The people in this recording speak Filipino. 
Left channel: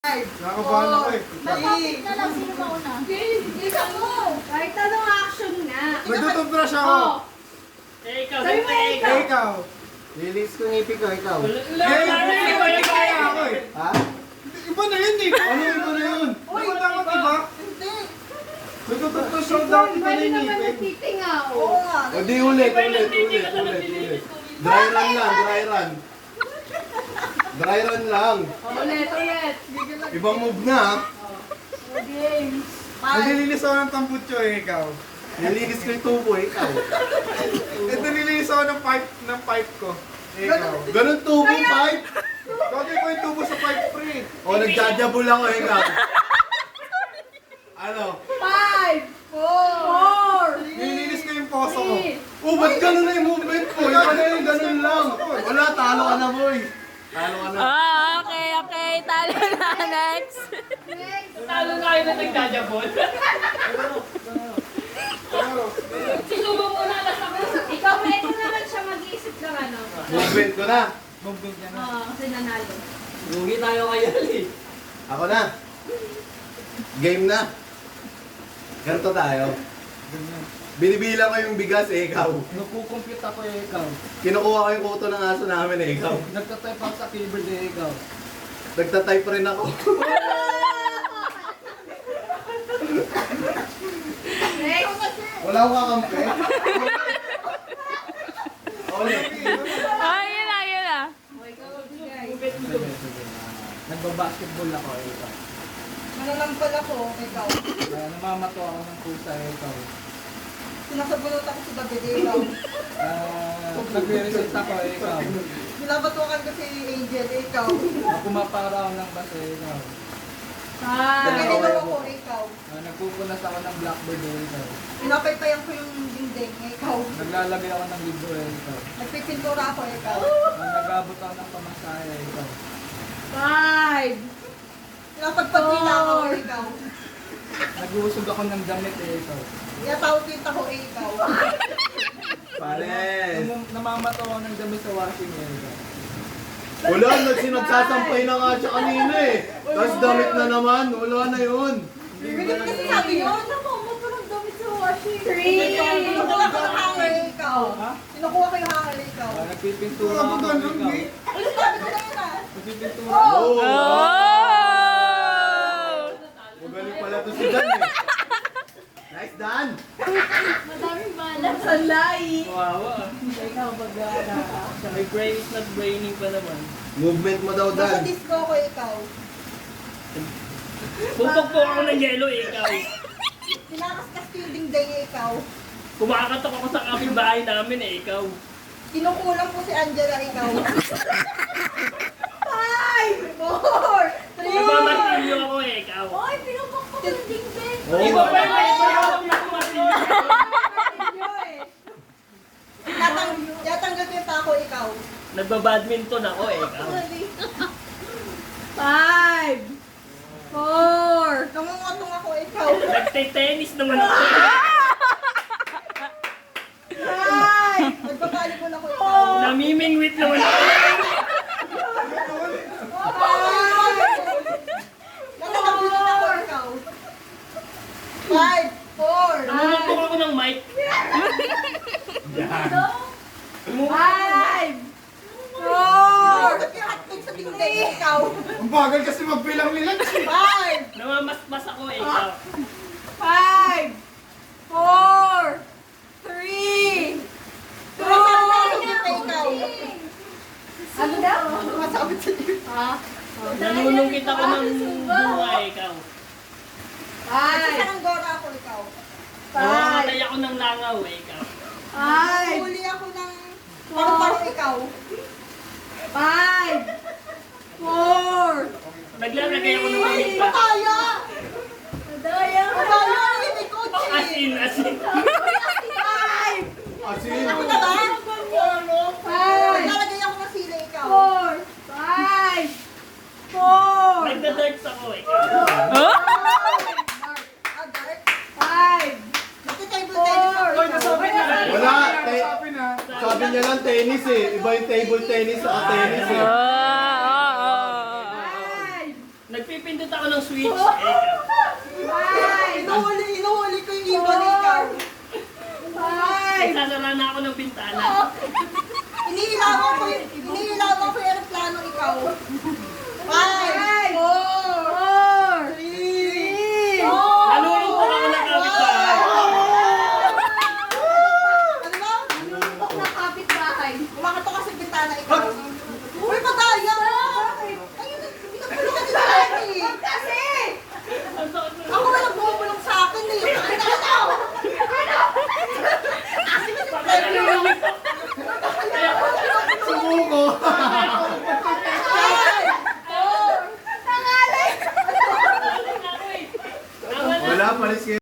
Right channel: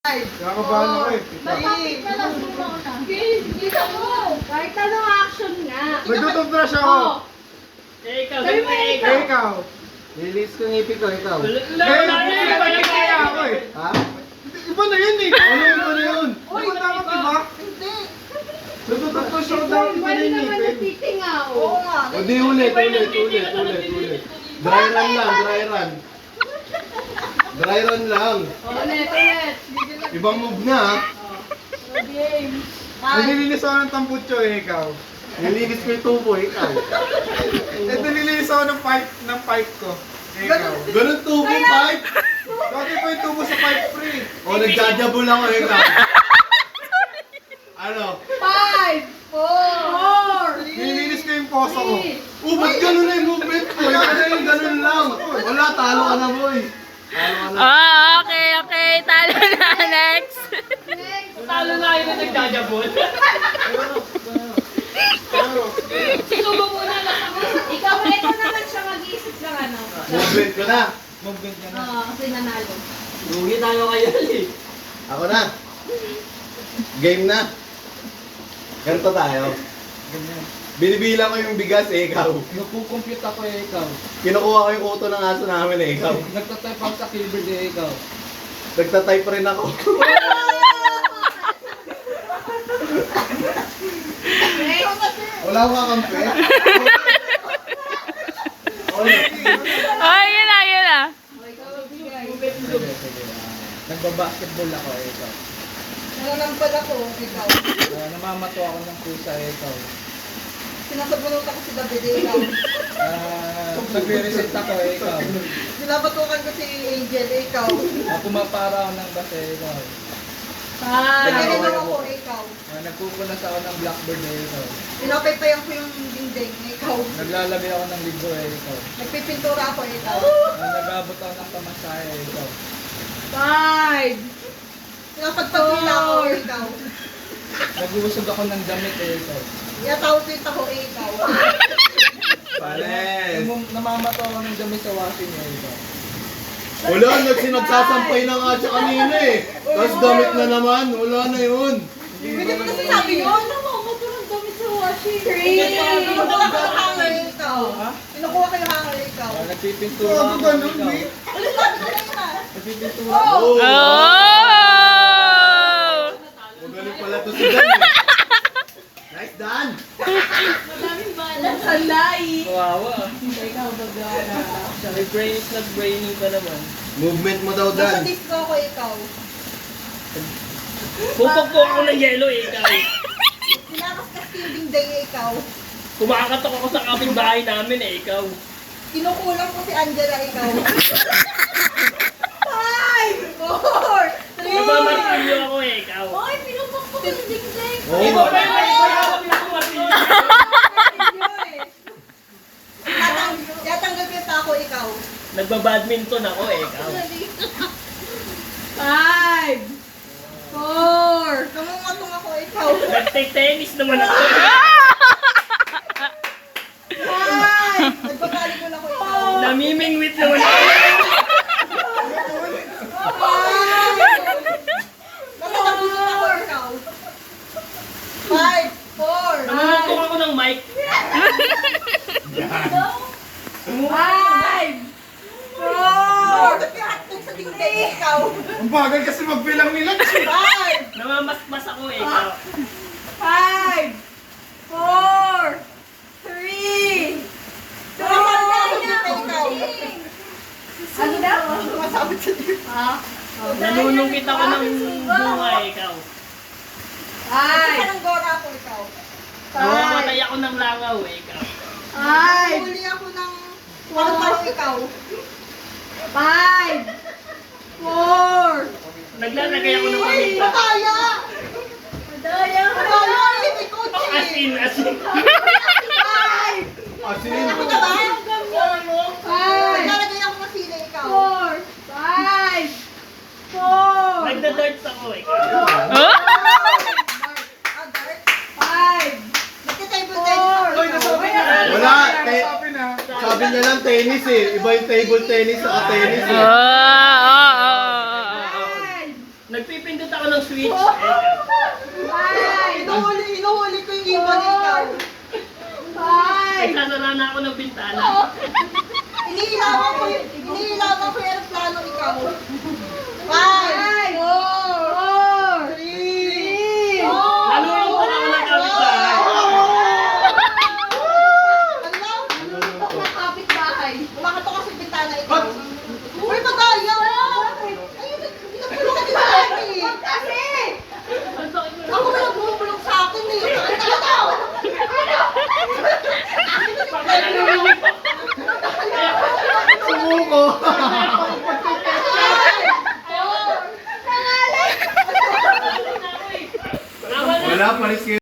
Nakabahan ako eh. Matapit na lang sino mauna. Hindi ka mo. Kahit anong action nga. Nagtutubrush ako. Ikaw, Sabi mo Eh, ikaw. ikaw. Lilis ko ngipin ko, ikaw. Eh, kaya ako eh. Ha? Iba na yun eh. Ano yun, ano yun? Di ba dapat iba? Hindi. Nagtutubrush ako dapat Pwede pala yung naman ngipin. nagtitingaw. Oo nga. O di ulit. Dry run lang, dry run. Dry run lang. Ulit. Ibang move na ha. Games. Nililinis ako ng tambutso eh, ikaw. Nilinis ko yung tubo, ikaw. Eh, nililinis ako ng pipe ko. Eh, ikaw. Ganun tubo yung pipe. Bakit ko yung tubo sa pipe free? O nagdadabol ako, ikaw. Ano? 5, 4, Nililinis ko yung poso ko. Oh, ba't ganun na yung movement ko? Ikaw na yung ganun lang. Wala, talo ka na, boy. Talo ka na. Okay. Talo na. Next. Talo na kayo na nagdadabol. Sinubo mo na lang ako. Ikaw naman siya mag-iisip ng ano. Movement ko na. Movement ka na. Oo, kasi nanalo. Lugi tayo kayo eh. Ako na. Game na. Ganito tayo. Binibilang ko yung bigas, ikaw. Nagkukompute ako eh, ikaw. Kinukuha ko yung kuto ng aso namin, ikaw. Nagtatype ako sa keyboard eh, ikaw. Nagtatype rin ako. Wala akong kakampi. Oh, yun na. Nagbabasketball ako eh, ikaw. Nananampal ako, ikaw. Namamato ako ng pusa eh, ikaw. Sinasabunot ako si David, ikaw. Nagre-reset ako eh, ikaw. Sinabatukan ko si Angel, ikaw. Pumapara ako ng bus eh, ikaw. 5, Nagkalilaw ako, ikaw. Nagpupunas ako ng blackboard eh, ikaw. Pinapaypayan ko yung dingding, ikaw. Naglalagay ako ng libro eh, ikaw. Nagpipintura ako, ikaw. Nag-abot ako ng pamasahe eh, ikaw. 5, Pinapagpagpila ako, ikaw. Nag-uusog ako ng damit eh, ikaw. Yatawit ako, ikaw. Pares. Namamato ako ng damit sa washing eh, ikaw. Wala, nagsinagsasampay na nga siya kanina eh. Tapos damit na naman, wala na yun. Hindi mo kasi sabi yun. Namamoto ng damit sa washing. 3, Kinukuha ko yung hanger, ikaw. Ha? Kinukuha ko yung hanger, ikaw. Nagpipintura Wala ako, ko ganun ikaw. eh. Alam sabi ko na yun, ah. Nagpipintura ako. Oh! Oh! Magaling pala to si Dan eh. Nice, Dan! madaming balas. Salay. Kawawa. Ikaw magawa na action. May brain is not braining ka naman. Movement mo daw, Nasa Dan. disco ako, ikaw. Pupagpok ako ng yelo eh, ikaw. Pinakaskas ko yung dingding, ikaw. Kumakatok ako sa kapitbahay namin eh, ikaw. Kinukulang ko si Angela, ikaw. 5, 4, 3. Ibabatilyo ako eh, ikaw. Oy, pinupakpok yung dingding. Oo. Iba pa yung matilyo. Yatanggal ko yung tako, ikaw. Nagbabadminton ako eh, ikaw. 5, 4, Namungatong ako, ikaw. Nagte-tennis naman ako eh. 5, nagbabalibol ako, ikaw. Namimingwit naman ako. Nakatabitin ako, ikaw. 5, 4, Namumutok ako ng mic. 5, 4, Bakit yung hotdog sa dingding, ikaw? Ang bagal kasi magbilang nila. 5, Namamasmas ako eh, ikaw. 5, 4, 3, 2, ano daw? Masabit sa dingding. Nanunungkit ako ng bunga eh, ikaw. Sa ng gora ako, ikaw. Namamatay ako ng langaw eh, ikaw. 5, Huli ako ng paru-paro, ikaw. 5, 4, Naglalagay ako ng paminta. Pataya! Daya, Pataya! Hindi ko, As in, as in. 5, Asin. Ano ka ba? 5, Naglalagay ako ng sila, ikaw. 4, 5, 4, Nagda-darts ako eh, ikaw. Oh? Ah, dark. 5, Nagtitable tennis ako, Hoy, ikaw. nasabi na. Wala, Nasabi na. Sabi niya lang tennis eh. Iba yung table tennis sa tennis eh. Oh! Five, Nagpi Pipindot ako ng switch. Inuhuli ko yung ibon ikaw. Nagsasara na ako ng bintana. Iniilawan ko yung aeroplano ikaw. 5, 4, 3, Nalulungkot ako ng kapitbahay. Ano ba? Kapit bahay. Kumakatok ka sa bintana ikaw.